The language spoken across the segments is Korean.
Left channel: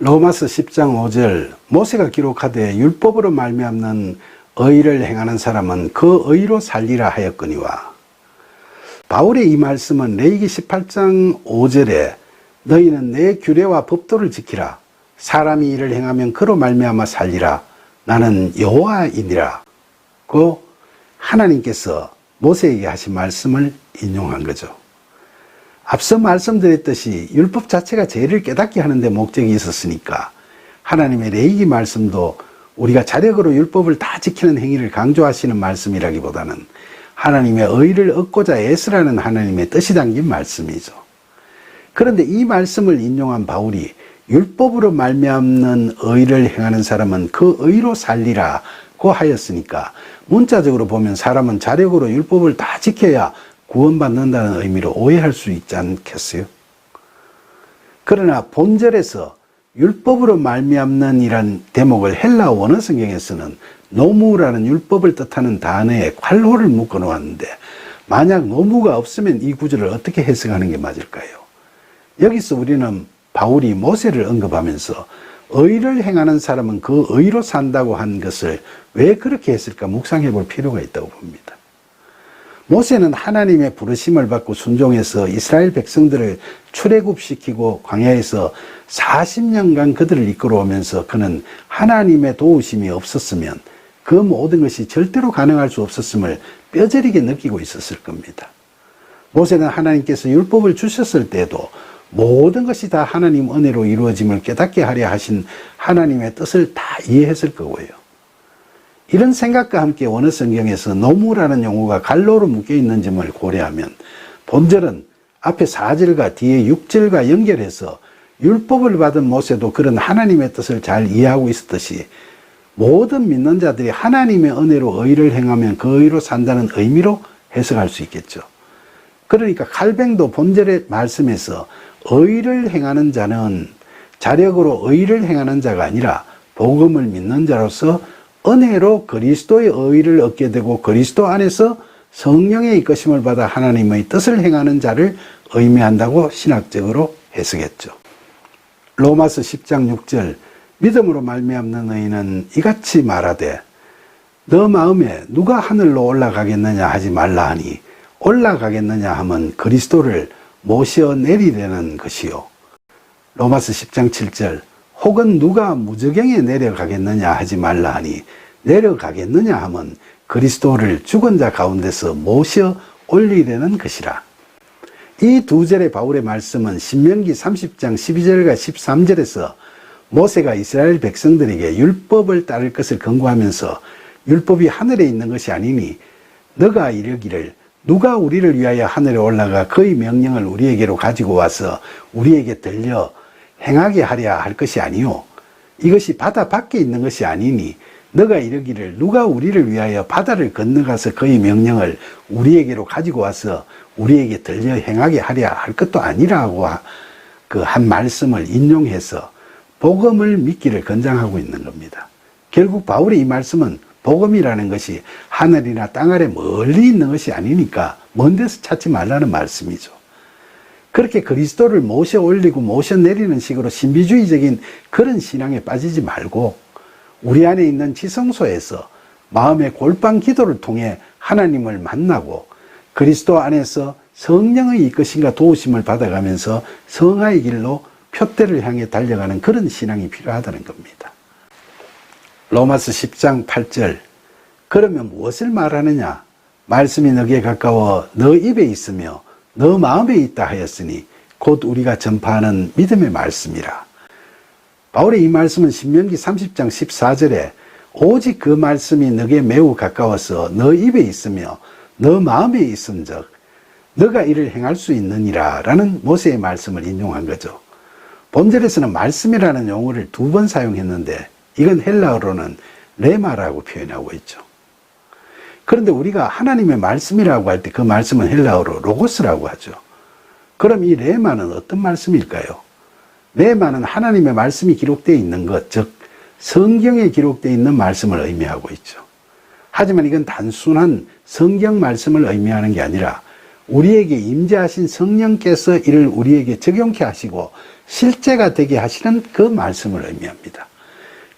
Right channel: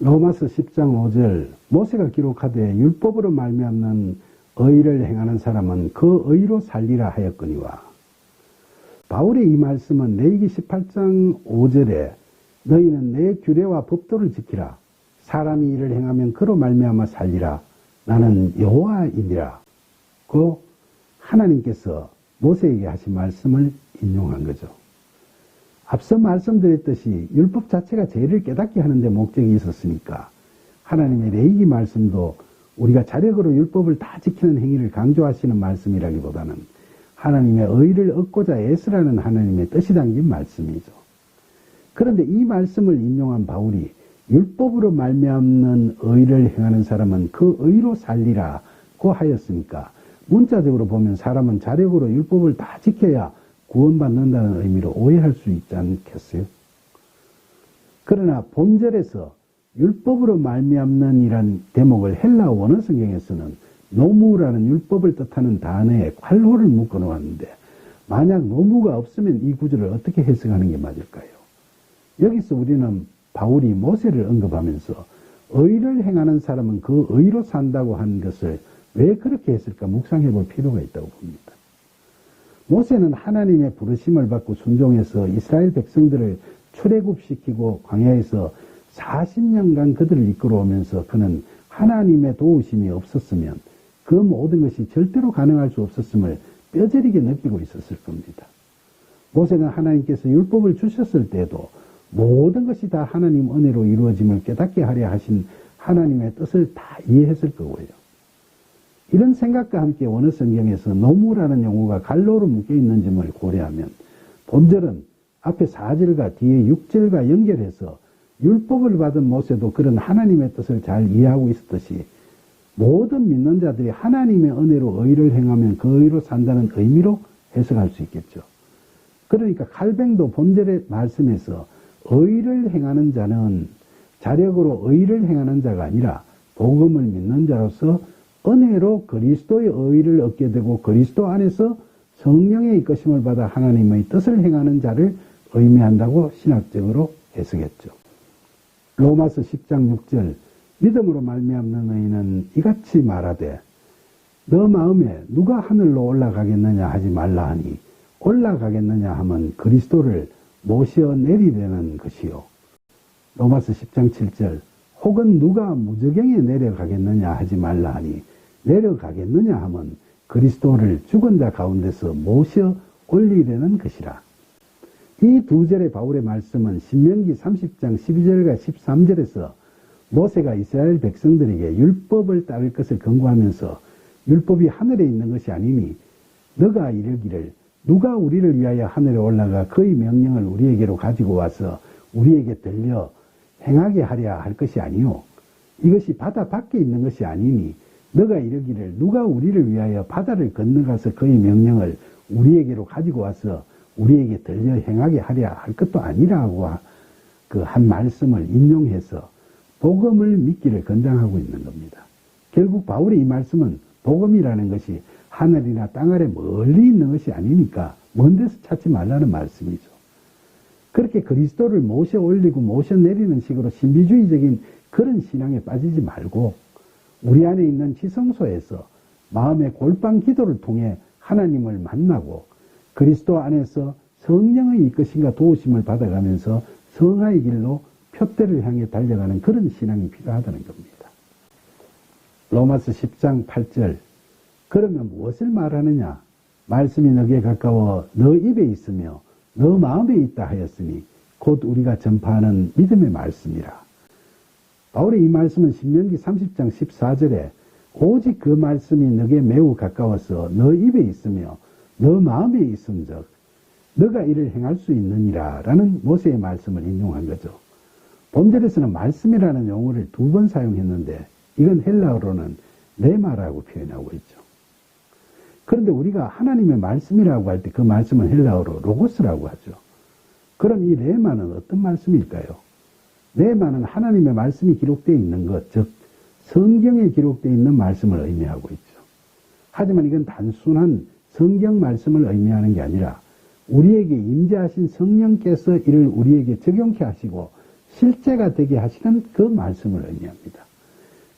로마서 10장 5절 모세가 기록하되 율법으로 말미암는 의를 행하는 사람은 그 의로 살리라 하였거니와. 바울의 이 말씀은 레위기 18장 5절에 너희는 내 규례와 법도를 지키라. 사람이 이를 행하면 그로 말미암아 살리라. 나는 여호와이니라. 그 하나님께서 모세에게 하신 말씀을 인용한 거죠. 앞서 말씀드렸듯이 율법 자체가 죄를 깨닫게 하는 데 목적이 있었으니까 하나님의 레위기 말씀도 우리가 자력으로 율법을 다 지키는 행위를 강조하시는 말씀이라기보다는 하나님의 의를 얻고자 애쓰라는 하나님의 뜻이 담긴 말씀이죠. 그런데 이 말씀을 인용한 바울이 율법으로 말미암는 의를 행하는 사람은 그 의로 살리라고 하였으니까 문자적으로 보면 사람은 자력으로 율법을 다 지켜야 구원받는다는 의미로 오해할 수 있지 않겠어요? 그러나 본절에서 율법으로 말미암는 이란 대목을 헬라 원어 성경에서는 노무라는 율법을 뜻하는 단어에 괄호를 묶어 놓았는데 만약 노무가 없으면 이 구절을 어떻게 해석하는 게 맞을까요? 여기서 우리는 바울이 모세를 언급하면서 의를 행하는 사람은 그 의로 산다고 한 것을 왜 그렇게 했을까 묵상해 볼 필요가 있다고 봅니다. 모세는 하나님의 부르심을 받고 순종해서 이스라엘 백성들을 출애굽시키고 광야에서 40년간 그들을 이끌어오면서 그는 하나님의 도우심이 없었으면 그 모든 것이 절대로 가능할 수 없었음을 뼈저리게 느끼고 있었을 겁니다. 모세는 하나님께서 율법을 주셨을 때도 모든 것이 다 하나님 은혜로 이루어짐을 깨닫게 하려 하신 하나님의 뜻을 다 이해했을 거고요. 이런 생각과 함께 원어 성경에서 노무라는 용어가 갈로로 묶여 있는 점을 고려하면 본절은 앞에 4절과 뒤에 6절과 연결해서 율법을 받은 모세도 그런 하나님의 뜻을 잘 이해하고 있었듯이 모든 믿는 자들이 하나님의 은혜로 의를 행하면 그 의로 산다는 의미로 해석할 수 있겠죠. 그러니까 칼뱅도 본절의 말씀에서 의를 행하는 자는 자력으로 의를 행하는 자가 아니라 복음을 믿는 자로서 은혜로 그리스도의 의를 얻게 되고 그리스도 안에서 성령의 이끄심을 받아 하나님의 뜻을 행하는 자를 의미한다고 신학적으로 해석했죠. 로마서 10장 6절 믿음으로 말미암는 의인은 이같이 말하되 너 마음에 누가 하늘로 올라가겠느냐 하지 말라 하니 올라가겠느냐 하면 그리스도를 모셔 내리려는 것이요. 로마서 10장 7절 혹은 누가 무저경에 내려가겠느냐 하지 말라 하니 내려가겠느냐 하면 그리스도를 죽은 자 가운데서 모셔 올리려는 것이라. 이 두 절의 바울의 말씀은 신명기 30장 12절과 13절에서 모세가 이스라엘 백성들에게 율법을 따를 것을 권고하면서 율법이 하늘에 있는 것이 아니니 너가 이르기를 누가 우리를 위하여 하늘에 올라가 그의 명령을 우리에게로 가지고 와서 우리에게 들려 행하게 하려 할 것이 아니요 이것이 바다 밖에 있는 것이 아니니 너가 이르기를 누가 우리를 위하여 바다를 건너가서 그의 명령을 우리에게로 가지고 와서 우리에게 들려 행하게 하려 할 것도 아니라고 그 한 말씀을 인용해서 복음을 믿기를 권장하고 있는 겁니다. 결국 바울의 이 말씀은 복음이라는 것이 하늘이나 땅 아래 멀리 있는 것이 아니니까 먼 데서 찾지 말라는 말씀이죠. 그렇게 그리스도를 모셔 올리고 모셔 내리는 식으로 신비주의적인 그런 신앙에 빠지지 말고 우리 안에 있는 지성소에서 마음의 골방 기도를 통해 하나님을 만나고 그리스도 안에서 성령의 이끄심과 도우심을 받아가면서 성화의 길로 표대를 향해 달려가는 그런 신앙이 필요하다는 겁니다. 로마서 10장 8절 그러면 무엇을 말하느냐 말씀이 너에게 가까워 너 입에 있으며 너 마음에 있다 하였으니 곧 우리가 전파하는 믿음의 말씀이라. 바울의 이 말씀은 신명기 30장 14절에 오직 그 말씀이 너에게 매우 가까워서 너 입에 있으며 너 마음에 있은즉 너가 이를 행할 수 있느니라 라는 모세의 말씀을 인용한 거죠. 본절에서는 말씀이라는 용어를 2번 사용했는데 이건 헬라어로는 레마라고 표현하고 있죠. 그런데 우리가 하나님의 말씀이라고 할 때 그 말씀은 헬라어로 로고스라고 하죠. 그럼 이 레마는 어떤 말씀일까요? 레마는 하나님의 말씀이 기록되어 있는 것, 즉 성경에 기록되어 있는 말씀을 의미하고 있죠. 하지만 이건 단순한 성경 말씀을 의미하는 게 아니라 우리에게 임재하신 성령께서 이를 우리에게 적용케 하시고 실제가 되게 하시는 그 말씀을 의미합니다.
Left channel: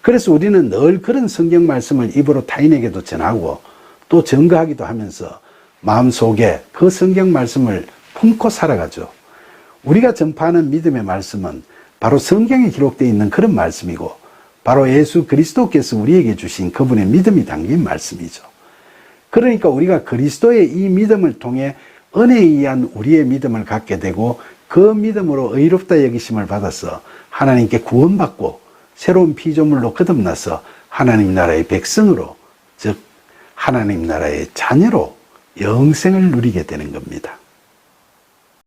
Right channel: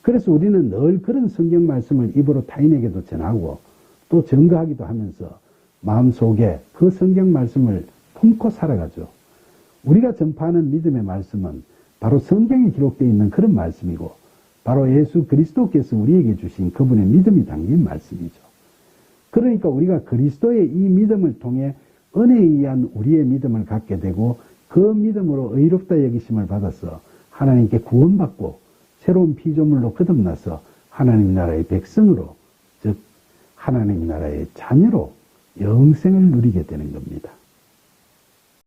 그래서 우리는 늘 그런 성경 말씀을 입으로 타인에게도 전하고 또 증거하기도 하면서 마음속에 그 성경 말씀을 품고 살아가죠. 우리가 전파하는 믿음의 말씀은 바로 성경에 기록되어 있는 그런 말씀이고 바로 예수 그리스도께서 우리에게 주신 그분의 믿음이 담긴 말씀이죠. 그러니까 우리가 그리스도의 이 믿음을 통해 은혜에 의한 우리의 믿음을 갖게 되고 그 믿음으로 의롭다 여기심을 받아서 하나님께 구원받고 새로운 피조물로 거듭나서 하나님 나라의 백성으로, 즉 하나님 나라의 자녀로 영생을 누리게 되는 겁니다.